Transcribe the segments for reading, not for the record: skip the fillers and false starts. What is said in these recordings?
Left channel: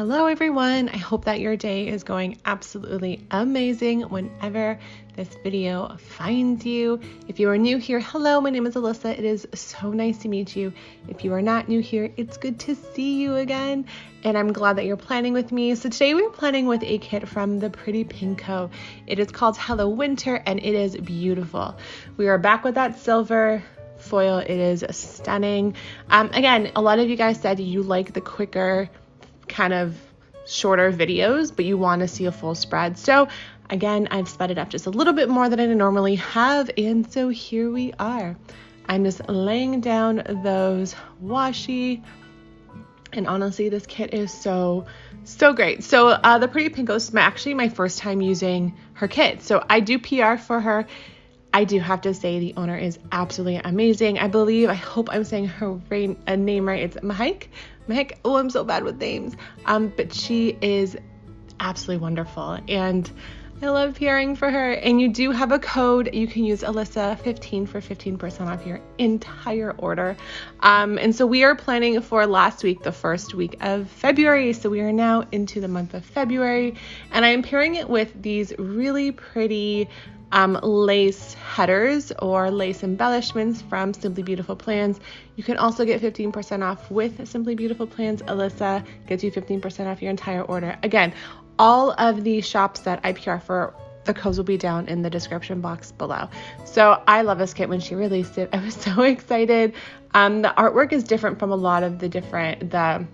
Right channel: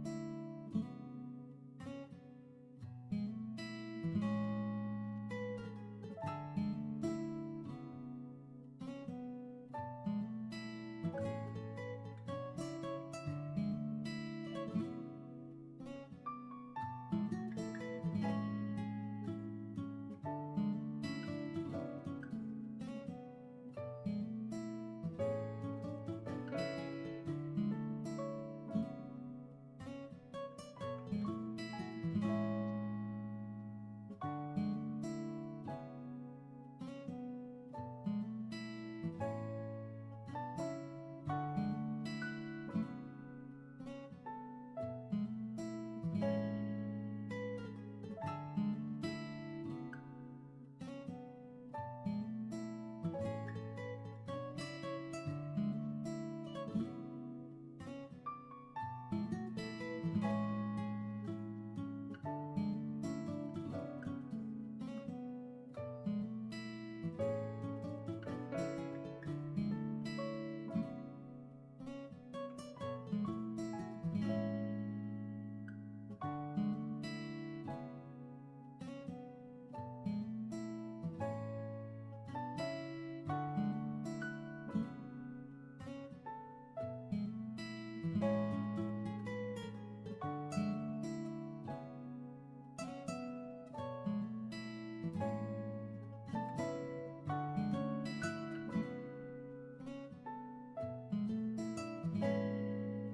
Hello everyone, I hope that your day is going absolutely amazing whenever this video finds you. If you are new here, hello, my name is Alyssa. It is so nice to meet you. If you are not new here, it's good to see you again, and I'm glad that you're planning with me. So today we're planning with a kit from the Pretty Pink Co. It is called Hello Winter, and it is beautiful. We are back with that silver foil. It is stunning. Again, a lot of you guys said you like the quicker kind of shorter videos, but you want to see a full spread. So again, I've sped it up just a little bit more than I normally have, and so here we are. I'm just laying down those washi, and honestly, this kit is so great. So the Pretty Pink is actually my first time using her kit. So I do PR for her. I do have to say the owner is absolutely amazing. I hope I'm saying her name right. It's Mahek. Oh, I'm so bad with names. But she is absolutely wonderful, and I love PRing for her. And you do have a code. You can use Alyssa15 for 15% off your entire order. And so we are planning for last week, the first week of February. So we are now into the month of February, and I am pairing it with these really pretty lace headers or lace embellishments from Simply Beautiful Plans. You can also get 15% off with Simply Beautiful Plans. Alyssa gets you 15% off your entire order. Again, all of the shops that I PR for, the codes will be down in the description box below. So I love this kit. When she released it, I was so excited. The artwork is different from a lot of the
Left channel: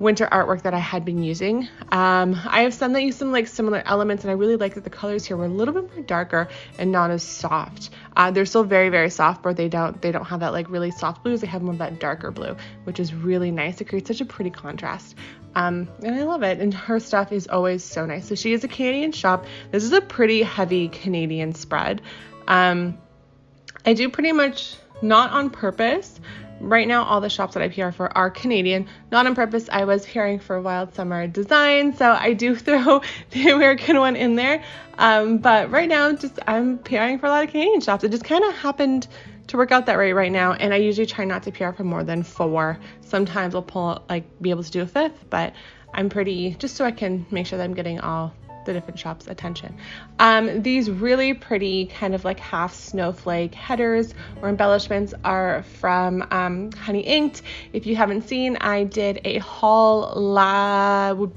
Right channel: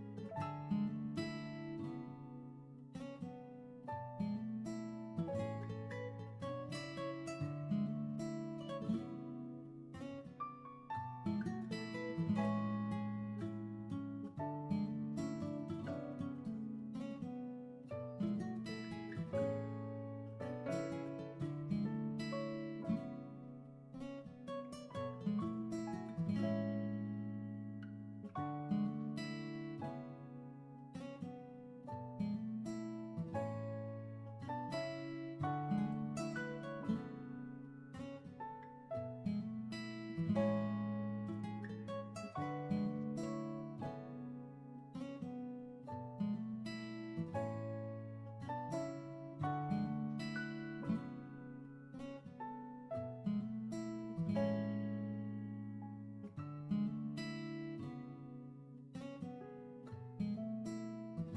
winter artwork that I had been using. I have some that use some similar elements, and I really like that the colors here were a little bit more darker and not as soft. They're still very soft, but they don't have that really soft blues. They have more of that darker blue, which is really nice. It creates such a pretty contrast. And I love it. And her stuff is always so nice. So she is a Canadian shop. This is a pretty heavy Canadian spread. I do pretty much not on purpose. Right now, all the shops that I PR for are Canadian. Not on purpose. I was PRing for Wild Summer Design, so I do throw the American one in there. But right now, I'm PRing for a lot of Canadian shops. It just kind of happened to work out that way right now, and I usually try not to PR for more than 4. Sometimes I'll be able to do a 5th, but I'm just so I can make sure that I'm getting all the different shops' attention. These really pretty kind of half snowflake headers or embellishments are from Honey Inked. If you haven't seen, I did a haul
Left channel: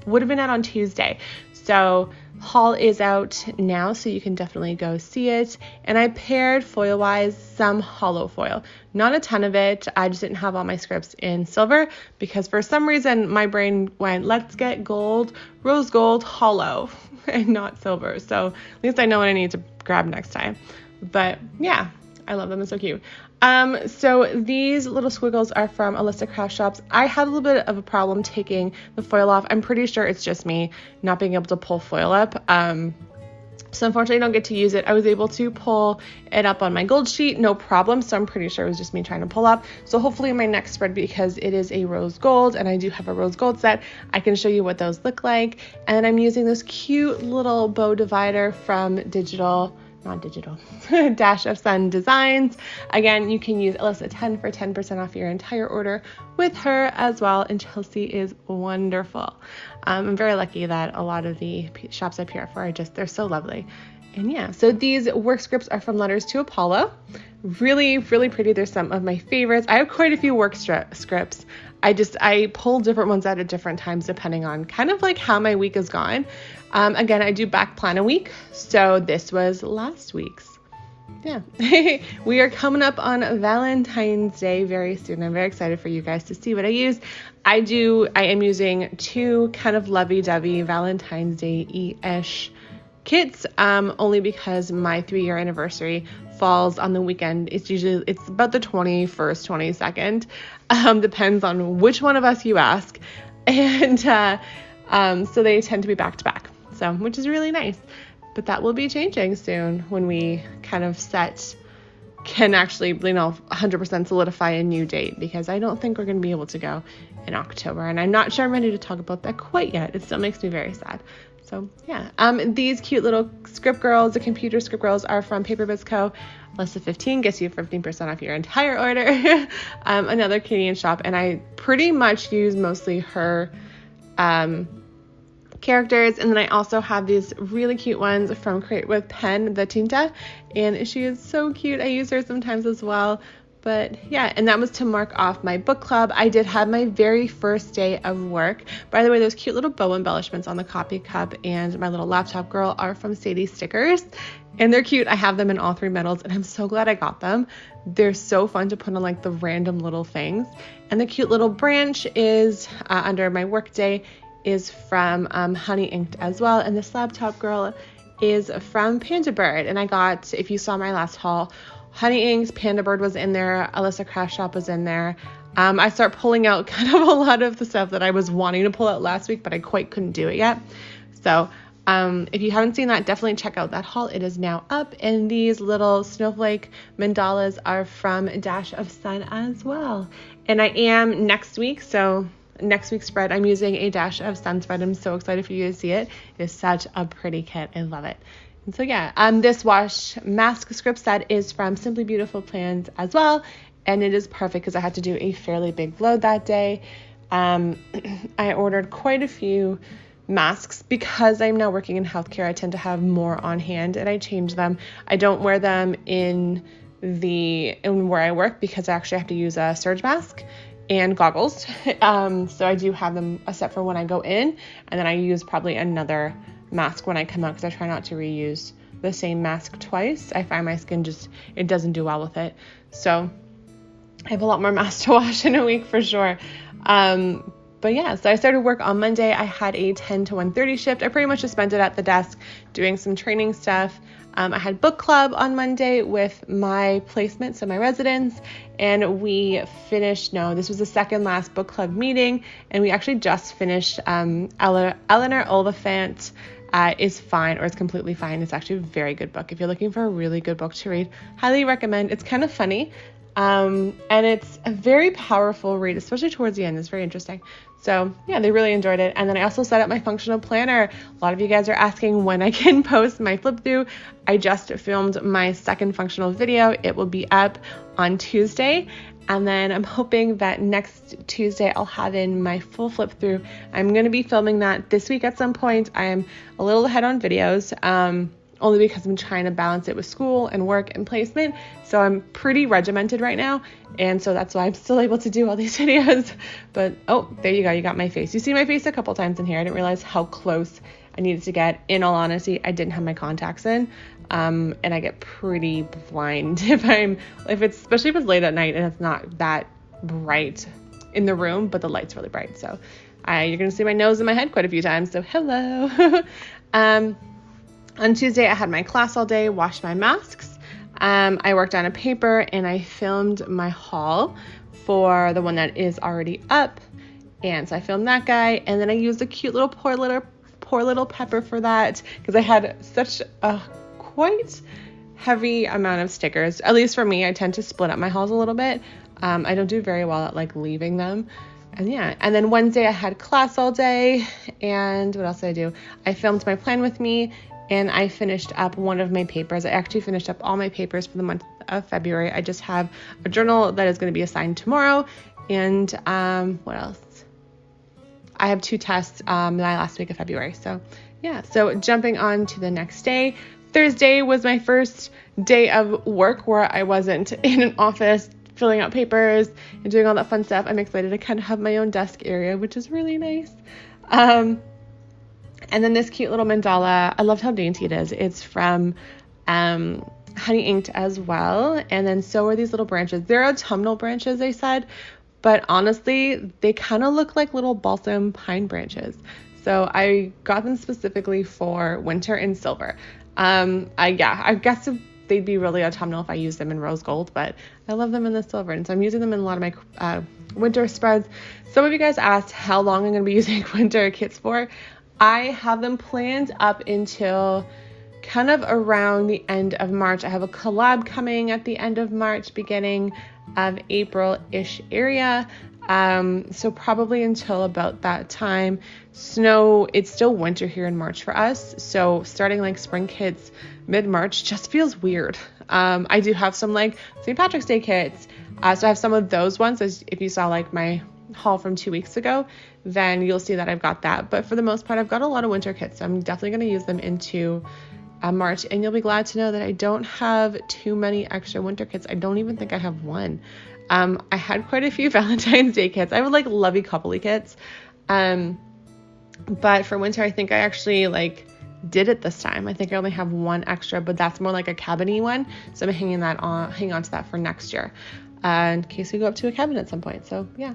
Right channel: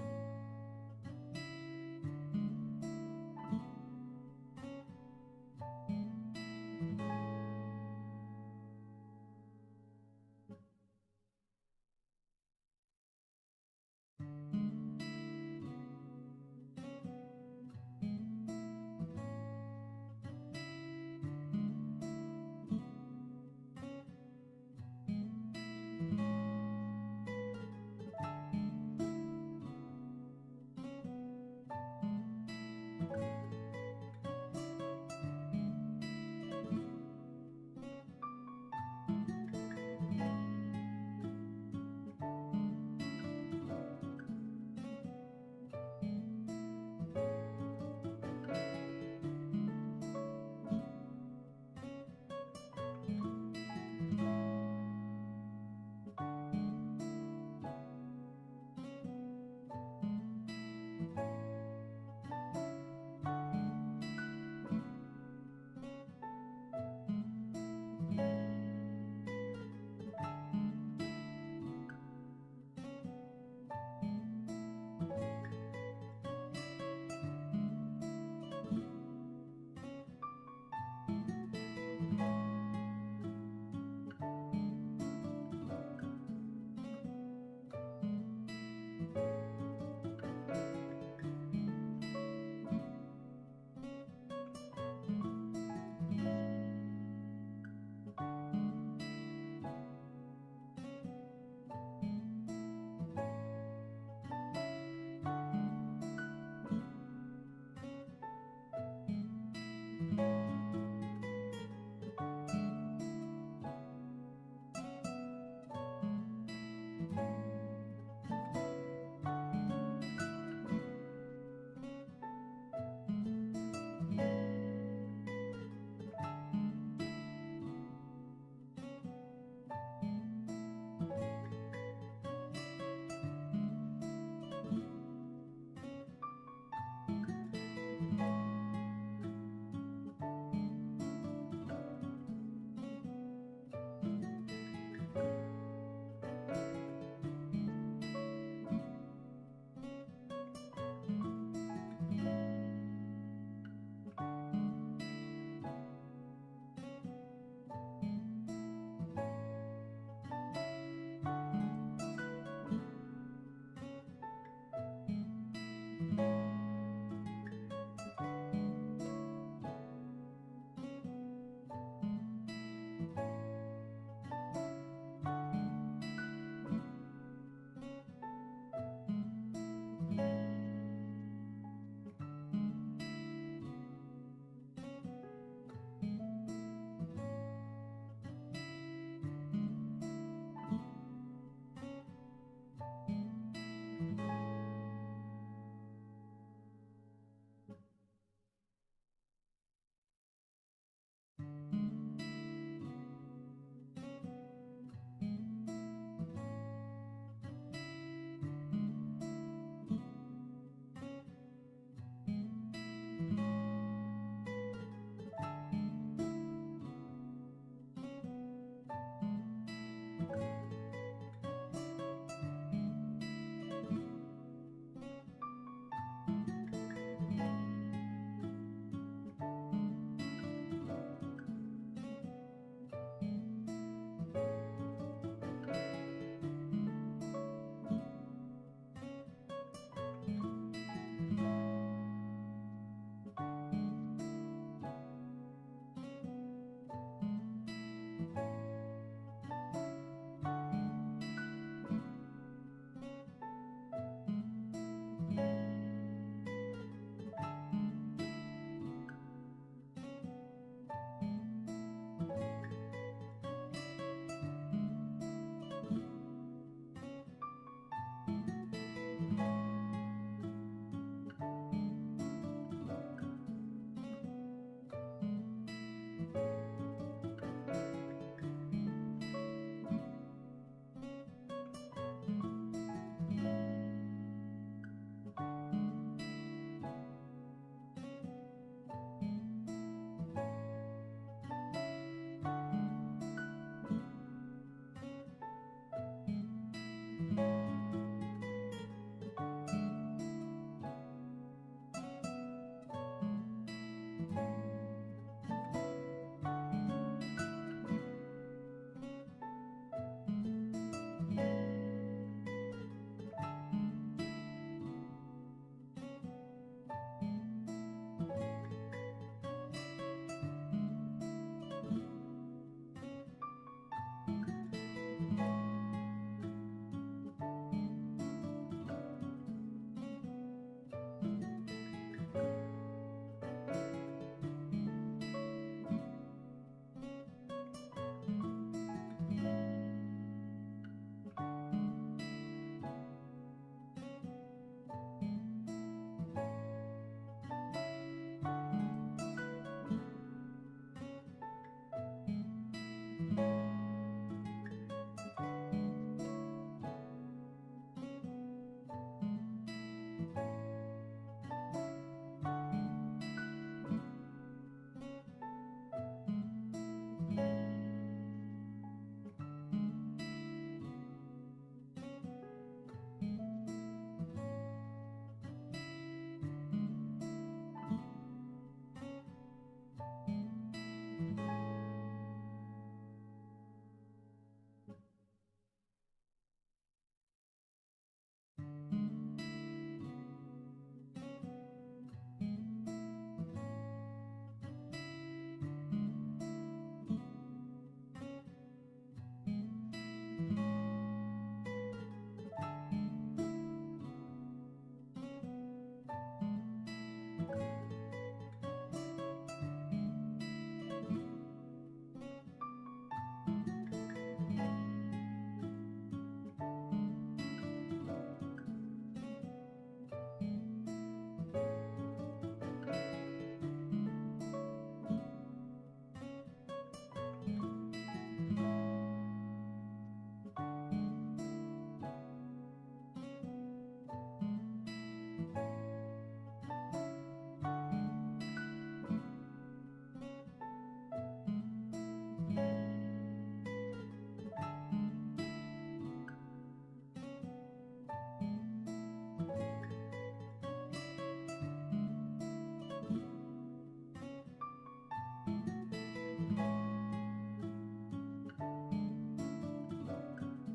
would have been out on Tuesday. So haul is out now, so you can definitely go see it. And I paired foil-wise some hollow foil. Not a ton of it. I just didn't have all my scripts in silver because for some reason my brain went, let's get gold, rose gold, hollow, and not silver. So at least I know what I need to grab next time. But yeah, I love them. It's so cute. So these little squiggles are from Alyssa Craft Shops. I had a little bit of a problem taking the foil off. I'm pretty sure it's just me not being able to pull foil up. So unfortunately I don't get to use it. I was able to pull it up on my gold sheet, no problem. So I'm pretty sure it was just me trying to pull up. So hopefully in my next spread, because it is a rose gold and I do have a rose gold set, I can show you what those look like. And I'm using this cute little bow divider from Dash of Sun Designs. Again, you can use Alyssa10 for 10% off your entire order with her as well, and Chelsea is wonderful. I'm very lucky that a lot of the shops I PR for they're so lovely. And yeah, so these work scripts are from Letters to Apollo. Really pretty. They're some of my favorites. I have quite a few work scripts. I pull different ones out at different times depending on kind of how my week is gone. Again, I do back plan a week, so this was last week's. Yeah. We are coming up on Valentine's Day very soon. I'm very excited for you guys to see what I use. I am using 2 kind of lovey-dovey Valentine's Day-ish kits, only because my 3-year anniversary falls on the weekend. It's about the 21st, 22nd, depends on which one of us you ask, and so they tend to be back to back, so which is really nice. But that will be changing soon when we kind of can actually 100% solidify a new date, because I don't think we're going to be able to go in October, and I'm not sure I'm ready to talk about that quite yet. It still makes me very sad. So yeah, these cute little script girls, the computer script girls, are from Paper Biz Co. Alyssa15 gets you 15% off your entire order. Another Canadian shop, and I pretty much use mostly her characters. And then I also have these really cute ones from Create with Pen, the Tinta, and she is so cute. I use her sometimes as well. But yeah, and that was to mark off my book club. I did have my very first day of work. By the way, those cute little bow embellishments on the coffee cup and my little laptop girl are from Sadie Stickers, and they're cute. I have them in all 3 metals, and I'm so glad I got them. They're so fun to put on like the random little things. And the cute little branch is under my work day is from Honey Inked as well, and this laptop girl is from Panda Bird. And I got, if you saw my last haul, Honey Inked, Panda Bird was in there, Alyssa Craft Shop was in there. I start pulling out kind of a lot of the stuff that I was wanting to pull out last week, but I quite couldn't do it yet. So if you haven't seen that, definitely check out that haul. It is now up, and these little snowflake mandalas are from Dash of Sun as well. And I am next week, so next week's spread, I'm using a Dash of Sun spread. I'm so excited for you to see it. It is such a pretty kit. I love it. And so yeah, this wash mask script set is from Simply Beautiful Plans as well, and it is perfect because I had to do a fairly big load that day. I ordered quite a few masks because I'm now working in healthcare. I tend to have more on hand, and I change them. I don't wear them in where I work because I actually have to use a surge mask and goggles. So I do have them a set for when I go in, and then I use probably another mask when I come out because I try not to reuse the same mask twice. I find my skin it doesn't do well with it. So I have a lot more masks to wash in a week for sure. But yeah, so I started work on Monday. I had a 10 to 1:30 shift. I pretty much just spent it at the desk doing some training stuff. I had book club on Monday with my placement, so my residents, and we finished, this was the second last book club meeting, and we actually just finished Eleanor Oliphant is Fine, or It's Completely Fine. It's actually a very good book. If you're looking for a really good book to read, highly recommend. It's kind of funny, and it's a very powerful read, especially towards the end. It's very interesting. So yeah, they really enjoyed it. And then I also set up my functional planner. A lot of you guys are asking when I can post my flip through. I just filmed my second functional video. It will be up on Tuesday. And then I'm hoping that next Tuesday I'll have in my full flip through. I'm going to be filming that this week at some point. I am a little ahead on videos, only because I'm trying to balance it with school and work and placement. So I'm pretty regimented right now. And so that's why I'm still able to do all these videos. But, oh, there you go. You got my face. You see my face a couple times in here. I didn't realize how close I needed to get. In all honesty, I didn't have my contacts in. And I get pretty blind especially if it's late at night and it's not that bright in the room, but the light's really bright. So you're going to see my nose and my head quite a few times. So hello. On Tuesday, I had my class all day, washed my masks. I worked on a paper and I filmed my haul for the one that is already up. And so I filmed that guy, and then I used a cute little poor little pepper for that because I had such a quite heavy amount of stickers. At least for me, I tend to split up my hauls a little bit. I don't do very well at leaving them. And yeah, and then Wednesday I had class all day, and what else did I do? I filmed my plan with me, and I finished up one of my papers. I actually finished up all my papers for the month of February. I just have a journal that is going to be assigned tomorrow, and what else? I have 2 tests the last week of February. So yeah, so jumping on to the next day. Thursday was my first day of work where I wasn't in an office filling out papers and doing all that fun stuff. I'm excited to kind of have my own desk area, which is really nice. And then this cute little mandala, I loved how dainty it is. It's from Honey Inked as well. And then so are these little branches. They're autumnal branches, they said, but honestly, they kind of look like little balsam pine branches. So I got them specifically for winter in silver. I guess they'd be really autumnal if I used them in rose gold, but I love them in the silver. And so I'm using them in a lot of my winter spreads. Some of you guys asked how long I'm going to be using winter kits for. I have them planned up until kind of around the end of March. I have a collab coming at the end of March, beginning of April-ish area. So probably until about that time. It's still winter here in March for us. So starting spring kits mid-March just feels weird. I do have some St. Patrick's Day kits. So I have some of those ones, as if you saw my haul from 2 weeks ago, then you'll see that I've got that. But for the most part, I've got a lot of winter kits, so I'm definitely going to use them into March, and you'll be glad to know that I don't have too many extra winter kits. I don't even think I have one. I had quite a few Valentine's Day kits. I would like lovey coupley kits. But for winter, I think I actually did it this time. I think I only have one extra, but that's more like a cabin-y one. So I'm hanging on to that for next year, in case we go up to a cabin at some point. So yeah.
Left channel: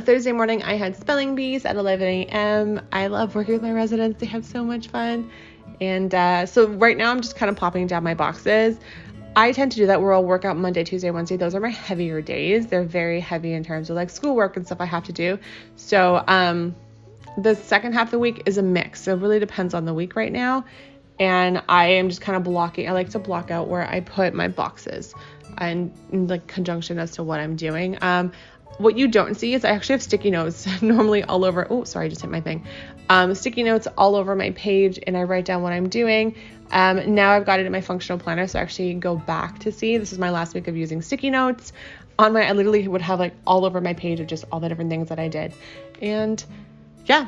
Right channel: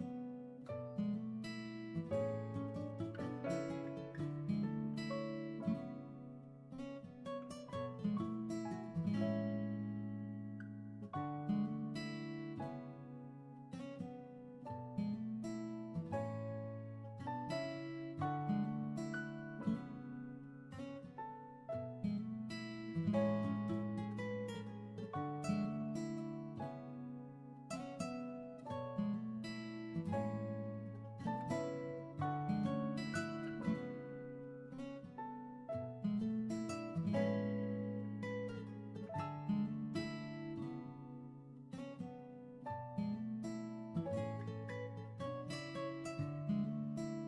Thursday morning, I had spelling bees at 11 a.m. I love working with my residents. They have so much fun. And so right now I'm just kind of popping down my boxes. I tend to do that where I'll work out Monday, Tuesday, Wednesday. Those are my heavier days. They're very heavy in terms of schoolwork and stuff I have to do. So the second half of the week is a mix. So it really depends on the week right now. And I am just kind of blocking. I like to block out where I put my boxes and in conjunction as to what I'm doing. What you don't see is I actually have sticky notes normally all over. Oh, sorry, I just hit my thing. Sticky notes all over my page, and I write down what I'm doing. Now I've got it in my functional planner, so I actually go back to see. This is my last week of using sticky notes. I literally would have all over my page of just all the different things that I did. And yeah,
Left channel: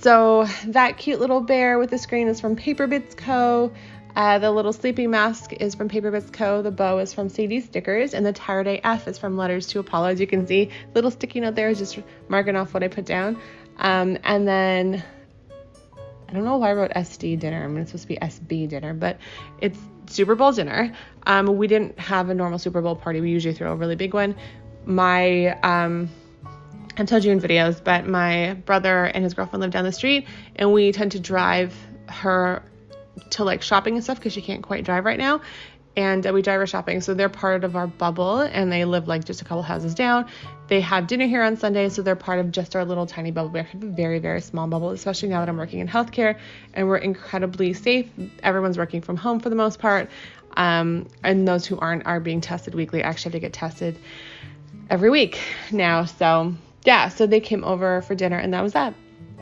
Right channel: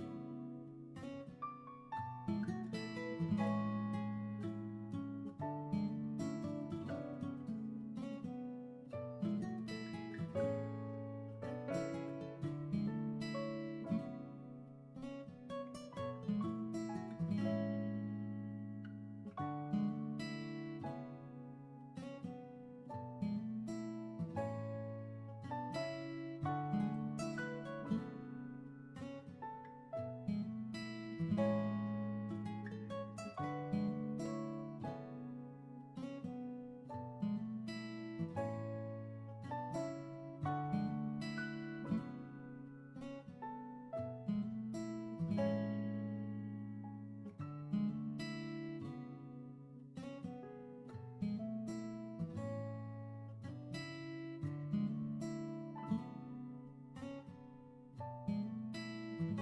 so that cute little bear with the screen is from Paper Bits Co. The little sleeping mask is from Paper Bits Co. The bow is from Sadie Stickers, and the Tired AF is from Letters to Apollo. As you can see, little sticky note there is just marking off what I put down. And then I don't know why I wrote SD dinner. I mean, it's supposed to be SB dinner, but it's Super Bowl dinner. We didn't have a normal Super Bowl party. We usually throw a really big one. I've told you in videos, but my brother and his girlfriend live down the street, and we tend to drive her to shopping and stuff because she can't quite drive right now, and we drive her shopping. So they're part of our bubble, and they live just a couple houses down. They have dinner here on Sunday, so they're part of just our little tiny bubble. We actually have a very, very small bubble, especially now that I'm working in healthcare and we're incredibly safe. Everyone's working from home for the most part, and those who aren't are being tested weekly. I actually have to get tested every week now. So yeah, so they came over for dinner, and that was that.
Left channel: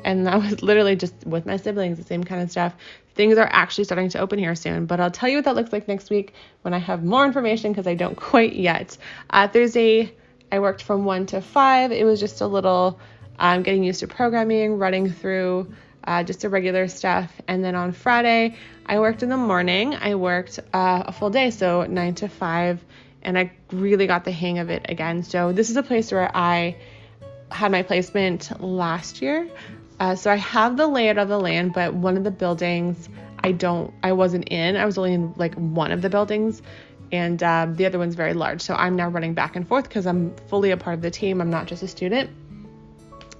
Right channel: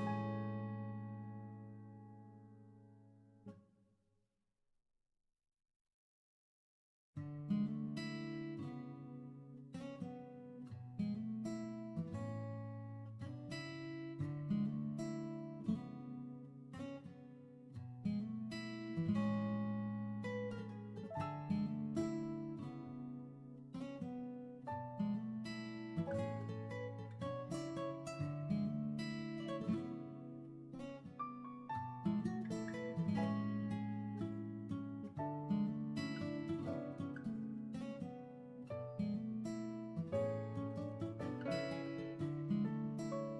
And that was literally just with my siblings, the same kind of stuff. Things are actually starting to open here soon, but I'll tell you what that looks like next week when I have more information, because I don't quite yet. Thursday, I worked from 1 to 5. It was just a little getting used to programming, running through just the regular stuff. And then on Friday, I worked in the morning. I worked a full day, so 9 to 5, and I really got the hang of it again. So this is a place where I had my placement last year. So I have the layout of the land, but one of the buildings I wasn't in. I was only in one of the buildings, and the other one's very large. So I'm now running back and forth because I'm fully a part of the team. I'm not just a student.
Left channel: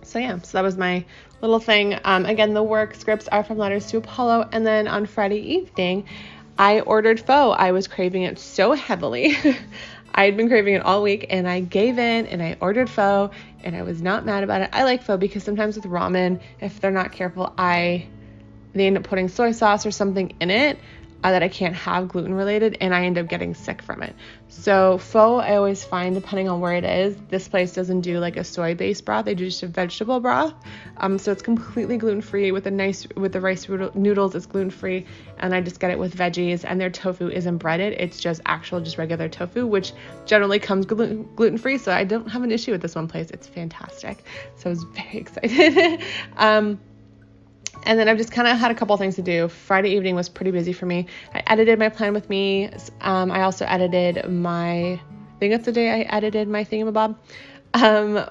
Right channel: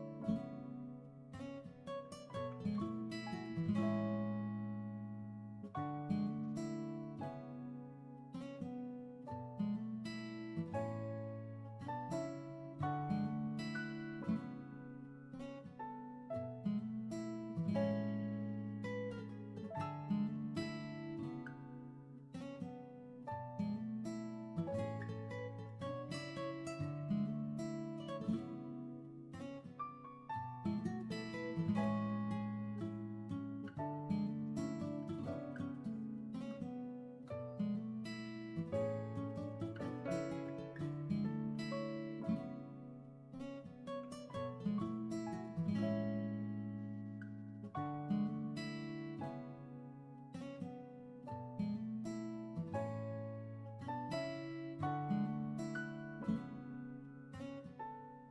So yeah, so that was my little thing. Again, the work scripts are from Letters to Apollo. And then on Friday evening, I ordered pho. I was craving it so heavily. I had been craving it all week, and I gave in and I ordered pho, and I was not mad about it. I like pho because sometimes with ramen, if they're not careful, they end up putting soy sauce or something in it that I can't have gluten related, and I end up getting sick from it. So pho, I always find, depending on where it is, this place doesn't do a soy-based broth. They do just a vegetable broth. So it's completely gluten-free with the rice noodles. It's gluten-free, and I just get it with veggies, and their tofu isn't breaded. It's just regular tofu, which generally comes gluten-free. So I don't have an issue with this one place. It's fantastic. So I was very excited. And then I've just kind of had a couple things to do. Friday evening was pretty busy for me. I edited my Plan With Me. I also edited I think that's the day I edited my thingamabob,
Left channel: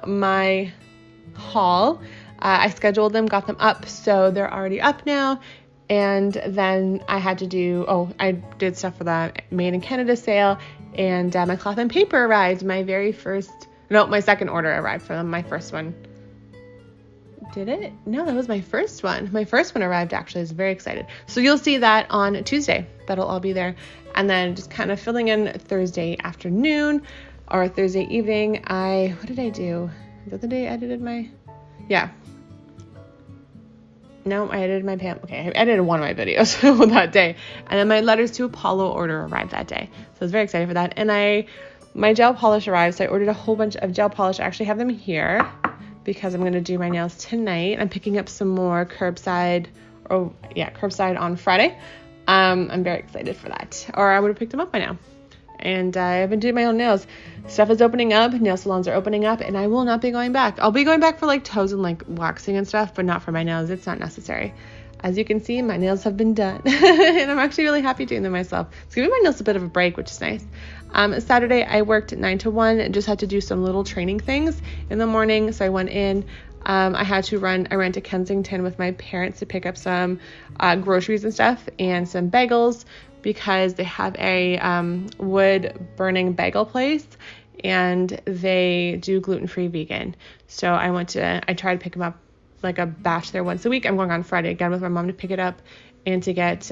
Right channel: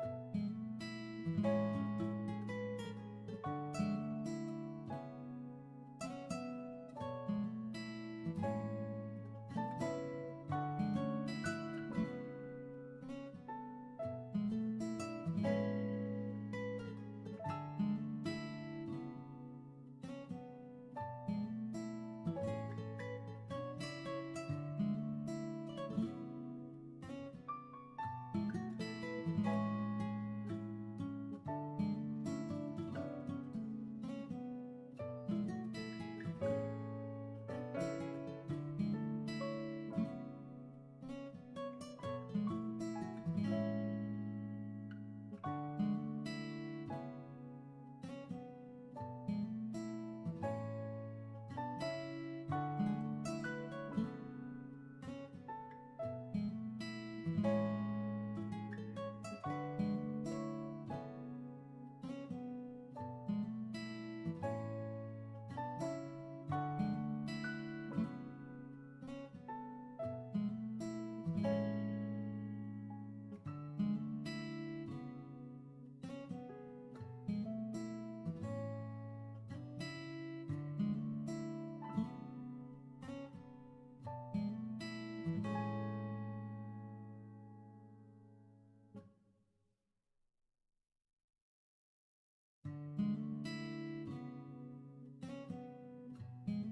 my haul. I scheduled them, got them up, so they're already up now. And then I had to I did stuff for the Made in Canada sale, and my cloth and paper arrived. My second order arrived for them. My first one. Did it? No, that was my first one. My first one arrived, actually. I was very excited. So you'll see that on Tuesday. That'll all be there. And then just kind of filling in Thursday afternoon or Thursday evening. What did I do? Is that the day I edited my... Yeah. No, I edited my Okay, I edited one of my videos that day. And then my Letters to Apollo order arrived that day. So I was very excited for that. And my gel polish arrived, so I ordered a whole bunch of gel polish. I actually have them here because I'm going to do my nails tonight. I'm picking up some more curbside on Friday. I'm very excited for that. Or I would have picked them up by now. and I've been doing my own nails. Stuff is opening up, nail salons are opening up, and I will not be going back. I'll be going back for like toes and like waxing and stuff, but not for my nails. It's not necessary. As you can see, my nails have been done, and I'm actually really happy doing them myself. It's giving my nails a bit of a break, which is nice. Saturday, I worked 9 to 1 and just had to do some little training things in the morning, so I went in. I ran to Kensington with my parents to pick up some groceries and stuff and some bagels because they have a wood burning bagel place and they do gluten-free vegan. So I tried to pick them up like a batch there once a week. I'm going on Friday again with my mom to pick it up and to get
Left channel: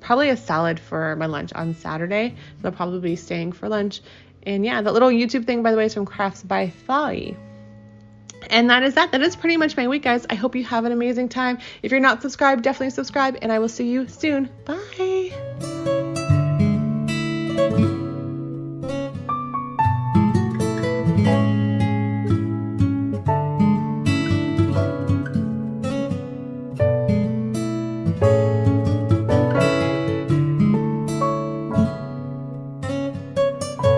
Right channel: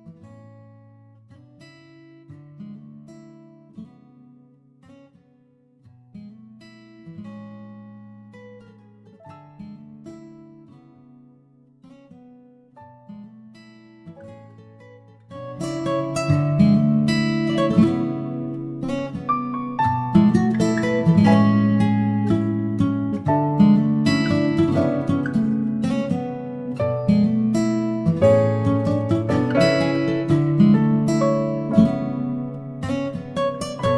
probably a salad for my lunch on Saturday. So I'll probably be staying for lunch. And yeah, that little YouTube thing, by the way, is from Crafts by Thali. And that is that. That is pretty much my week, guys. I hope you have an amazing time. If you're not subscribed, definitely subscribe, and I will see you soon. Bye.